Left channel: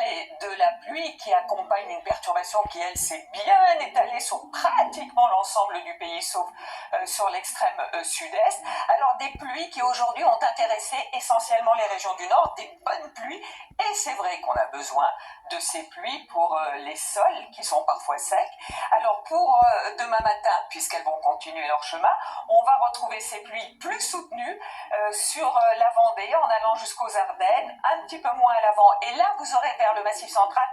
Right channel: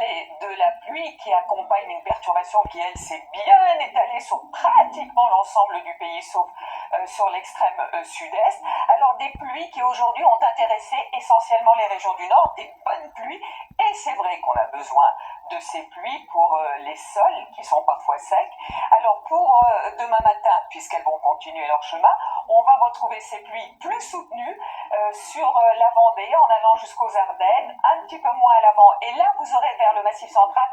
parler de la pluie qui accompagne une perturbation qui, elle, s'est bien étalée sur pratiquement l'ensemble du pays, sauf sur l'extrême sud-est. Alors des pluies qui aujourd'hui ont intéressé essentiellement les régions du nord, des bonnes pluies, et c'est vrai qu'on a besoin de ces pluies pour les sols qui sont parfois secs. Alors pour demain matin, puisqu'elles vont continuer leur chemin, on va retrouver ces pluies plus soutenues sur la Vendée en allant jusqu'aux Ardennes, un petit peu moins à l'avant. Et là, vous aurez vers le Massif central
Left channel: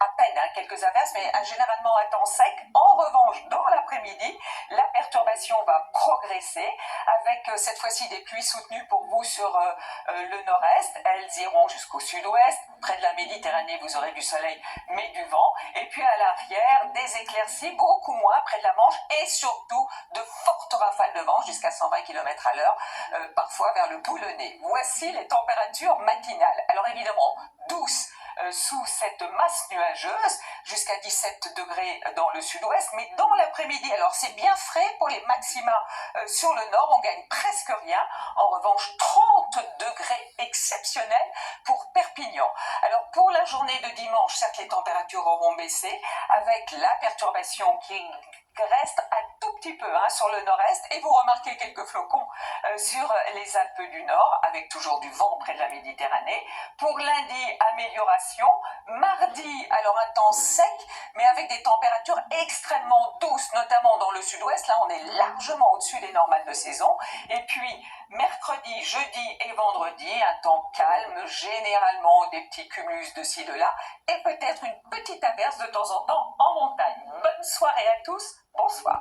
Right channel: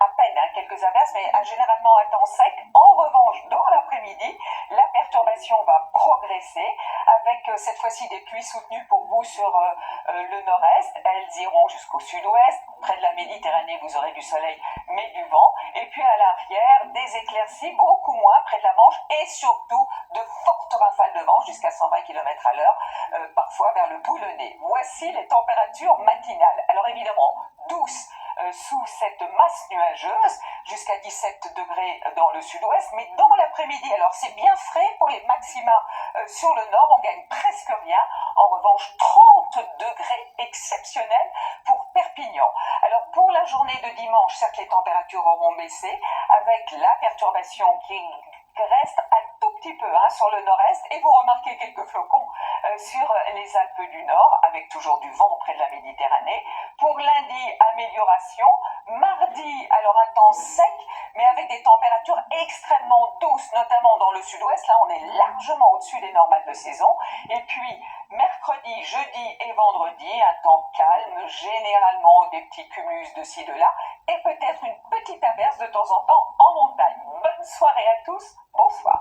à peine quelques averses, mais généralement à temps sec. En revanche, dans l'après-midi, la perturbation va progresser avec cette fois-ci des pluies soutenues pour vous sur le nord-est. Elles iront jusqu'au sud-ouest. Près de la Méditerranée, vous aurez du soleil, mais du vent. Et puis à l'arrière, des éclaircies, beaucoup moins près de la Manche et surtout de fortes rafales de vent jusqu'à 120 km à l'heure, parfois vers le Boulonnais. Voici les températures matinales. Alors évidemment, douces sous cette masse nuageuse, jusqu'à 17 degrés dans le sud-ouest, mais dans l'après-midi, alors c'est bien frais pour les maxima sur le nord, on gagne presque rien. En revanche, 30 degrés exceptionnels pour Perpignan. Alors pour la journée de dimanche, certes les températures auront baissé, avec la perturbation qui reste un tout petit peu sur le nord-est, et vous remarquez quelques flocons sur les Alpes du Nord, avec toujours du vent près de la Méditerranée. Pour lundi, amélioration. Mardi, alors un temps sec, mais avec des températures extrêmement douces, notamment dans le sud-ouest. Là, on est largement au-dessus des normales de saison. Et puis, mercredi, jeudi et vendredi, un temps calme, généralement des petits cumulus de ci, de là, et peut-être une petite averse de temps en temps en montagne. Bonne soirée à tous, bonsoir.